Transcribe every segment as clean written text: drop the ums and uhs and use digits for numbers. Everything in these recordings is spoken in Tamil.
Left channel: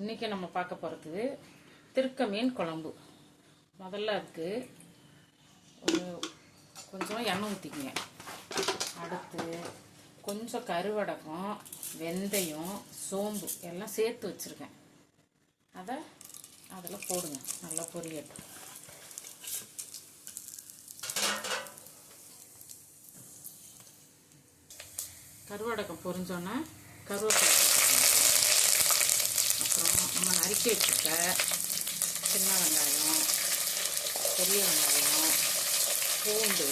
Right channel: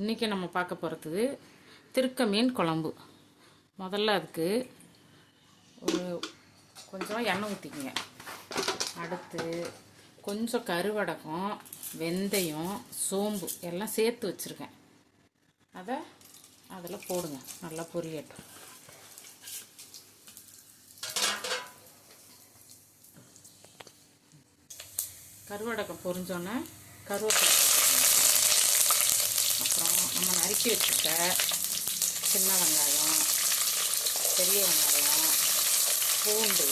இன்றைக்கி நம்ம பார்க்க போகிறது திருக்க மீன் குழம்பு. முதல்ல அதுக்கு ஒரு கொஞ்சம் எண்ணெய் ஊற்றிக்கங்க. அடுத்து கொஞ்சம் கருவடகம், வெந்தயம், சோம்பு எல்லாம் சேர்த்து வச்சுருக்கேன். அதை அதில் போடுங்க, நல்லா பொரியட்டும். கருவடகம் பொரிஞ்சோன்னா கருவேப்பிலை, அப்புறம் நம்ம நறுக்கி வச்சுக்க சின்ன வெங்காயம், பெரிய வெங்காயம், பூண்டு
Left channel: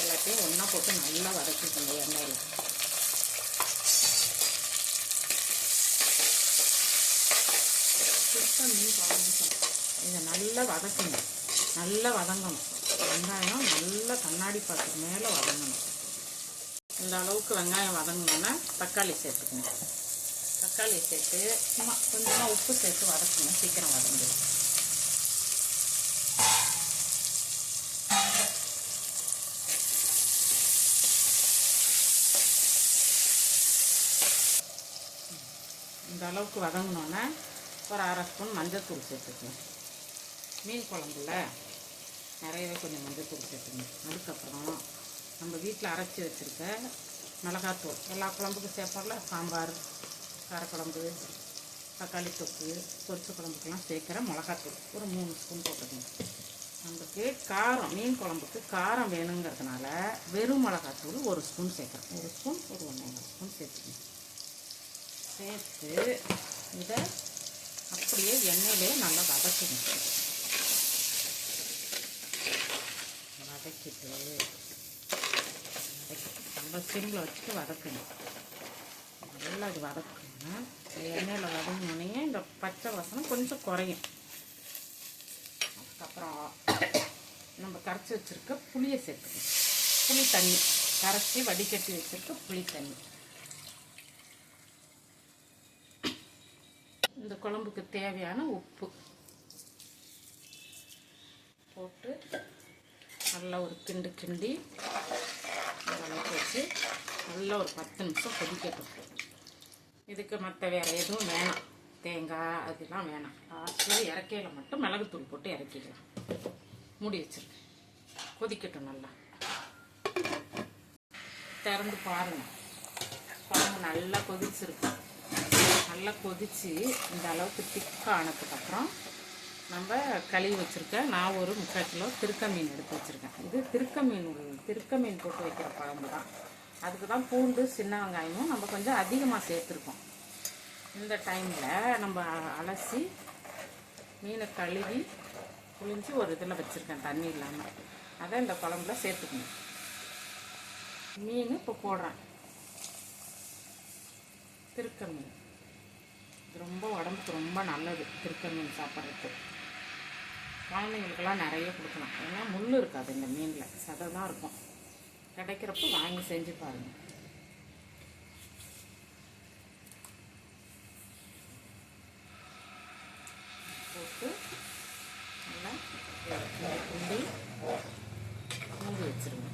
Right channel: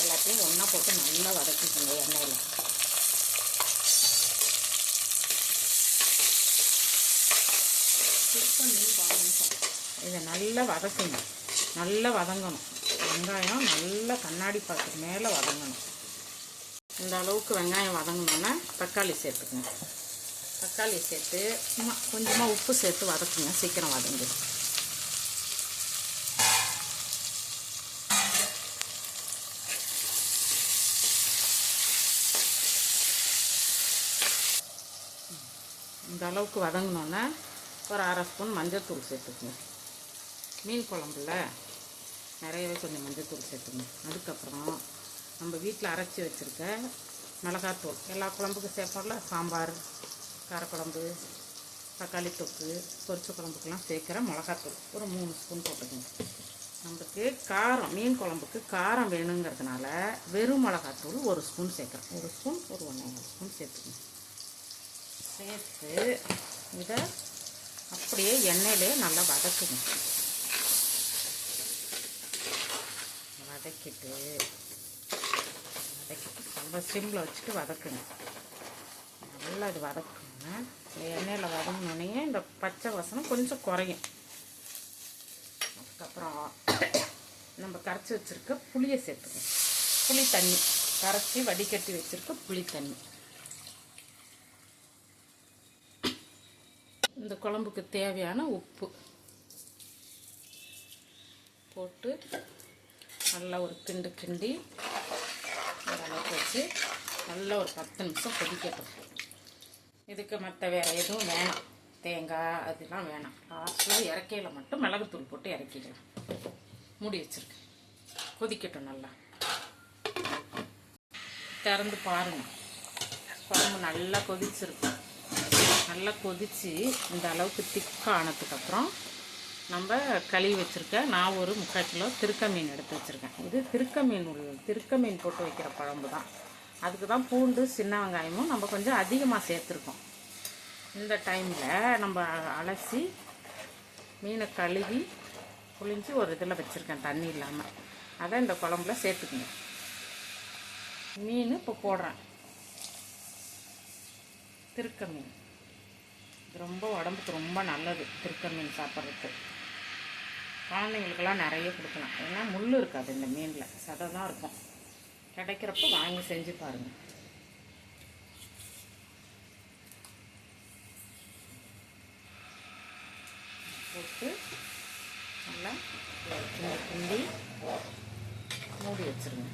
எல்லாத்தையும் ஒன்றா போட்டு நல்லா வதக்கிக்கோங்க எண்ணெயில். இதை நல்லா வதக்குங்க, நல்லா வதங்கணும். வெங்காயம் நல்லா கண்ணாடி பாத்திரம் மேலே வதங்கணும். இந்த அளவுக்கு வெங்காயம் வதங்கணுன்னா தக்காளி சேர்த்துக்கணும். தக்காளி சேர்த்து சும்மா கொஞ்சமாக உப்பு சேர்த்து வதக்குங்க, சீக்கிரம் வதங்கிடும். இந்த அளவுக்கு வதங்கினோன்னா ஒரு அரை ஸ்பூன் மஞ்சள்தூள் சேர்த்துக்கணும். மீன் குழம்புல நிறையவே கொஞ்சம் மஞ்சள்தூள் சேர்த்துக்கணும். அதுக்கப்புறம் நம்ம வீட்டில் அரைச்சி வச்சுருக்க மிளகாத்தூள், எல்லா குழம்புக்கும் சேர்ப்போம்ல, சாம்பார், காரக்குழம்பு, தக்காளி தொக்கு, பொரிச்ச குழம்புக்கெல்லாம் சேர்க்குற மிளகாத்தூள் ஒரு 3 ஸ்பூன் போட்டுக்கணும். நமக்கு காரம், மீன் குழம்புக்கு காரம் வேணுங்கிறதுனால வெறும் மிளகாத்தூள் 1 ஸ்பூன் சேர்க்குறேன். 1 ஸ்பூன் ஒரு 1,5 ஸ்பூன் சேர்த்துக்கணும். சேர்த்து இதை அப்படியே எண்ணெயிலே நல்லா வதக்கணும். வதக்கிட்டு ரொம்ப சிம்மில் வச்சுட்டு வதக்கணும். நல்லா இது வதக்கணும். எண்ணெயில் வதங்கினோடனே இந்த பச்சை வாசனம் கொஞ்சம் குறையும். அதுக்கப்புறம் நம்ம கரைச்சி வச்சுருக்க புளியை சேர்த்துக்கணும். புளி தண்ணி கரைச்சி வடிகட்டி வச்சுருக்க புளி தண்ணி. இந்த குழம்புக்கு தேவையான உப்பு போட்டு நல்லா ஒரு கிண்டு கிண்டி அளவுக்கு வச்சு நல்லா ஒரு 10 நிமிஷம் கொதிக்கட்டும். இதுக்கு மற்ற வேறு எதுவும் வேணாம், தேங்காய் அதெல்லாம் வேணாம். லாஸ்ட்டில் இறக்கையில் மட்டும் மிளகுத்தூள் போட்டு இறக்கிடலாம். மூடி வச்சுருக்கேன், கொதிக்கட்டும். நல்லா திறந்து பாருங்கள், குழம்பு நல்லா கொதிச்சிருக்கு. நல்லா கொதித்து இந்த அளவுக்கு திக்காக ஆனதுக்கப்புறம் நம்ம கழுவி வச்சுருக்க நான் ஒரு 3/4 கிலோ திருக்க மீன் எடுத்து வச்சுருக்கேன். இது திருக்க மீன் போட்டு வைக்கிற குழம்பு தான். அதுக்கு தான் பூண்டு, சின்ன வெங்காயமும் நம்ம கொஞ்சம் அதிகமாக சேர்த்துருக்கோம். இந்த டைமில் நம்ம அலசி மீனை கழுவி புளிஞ்சு ஒரு இதில் வச்சுருக்கேன், தண்ணி இல்லாமல். அதை இந்த குழம்புல சேர்த்துக்கணும். மீன் இப்போ போடுறேன். திருக்க மீன் ரொம்ப உடம்புக்கு ரொம்ப நல்லது. திருக்க மீன் சாப்பிட்றதுக்கு குழந்தைங்களுக்கெல்லாம் நிறைய கொடுக்கலாம். ஏன்னா முள் இருக்காது இந்த மீனில், சதை தான் இருக்கும். கிடைக்கிறப்ப வாங்கி செஞ்சு பாருங்கள். போட்டு நல்லா கிண்டி மூடி வச்சுருங்க.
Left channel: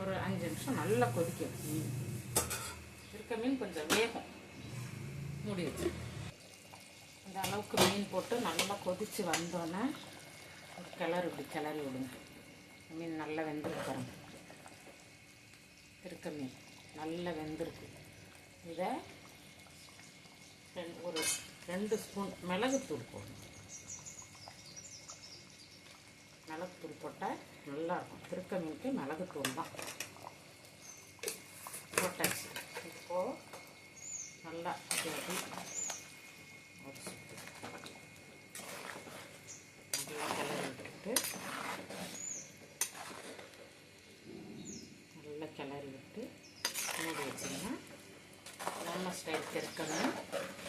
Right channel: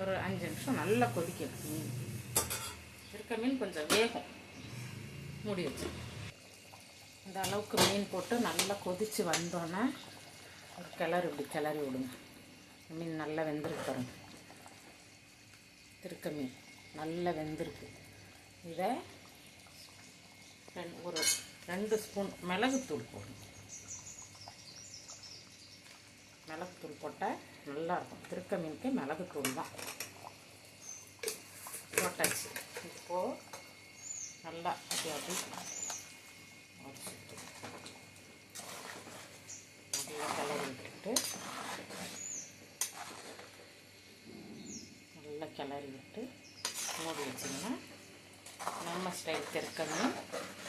ஒரு 5 நிமிஷம் நல்லா கொதிக்கும். மீன் திருக்க மீன் கொஞ்சம் வேகும். மூடி வச்சுருங்க. இந்த அளவுக்கு மீன் போட்டு நல்லா கொதித்து வந்தோன்னே ஒரு கிளறி விடுங்க. மீன் நல்லா வெந்திருக்கு. திருக்க மீன் நல்லா வெந்திருக்கு. இதை ஒரு 2 ஸ்பூன் மிளகுத்தூள் போடணும். மிளகுத்தூள் போட்டால் நல்லாயிருக்கும். திருக்க மீனுக்கு மிளகுத்தூள் தான் போட்டாச்சு. இப்போது நல்லா அப்படி நல்லா கிளறி விட்டுட்டு நல்லா கிளறி விட்டு மூடி வச்சிங்கன்னா நம்ம ஸ்டைல் திருக்க மீன்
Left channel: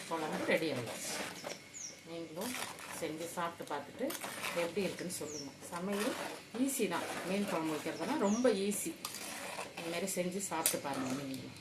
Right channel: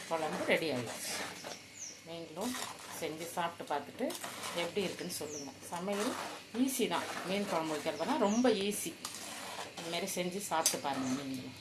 குழம்பு ரெடி ஆகிடுச்சு. நீங்களும் செஞ்சு சாப்பிட்டு பார்த்துட்டு எப்படி இருக்குன்னு சொல்லுங்கள். சமையல் ஈஸி தான். மீன் குழம்பு வைக்கிறதுனா ரொம்ப ஈஸி. இதுமாரி செஞ்சு சாப்பிட்டு பாருங்கள் நீங்களும்.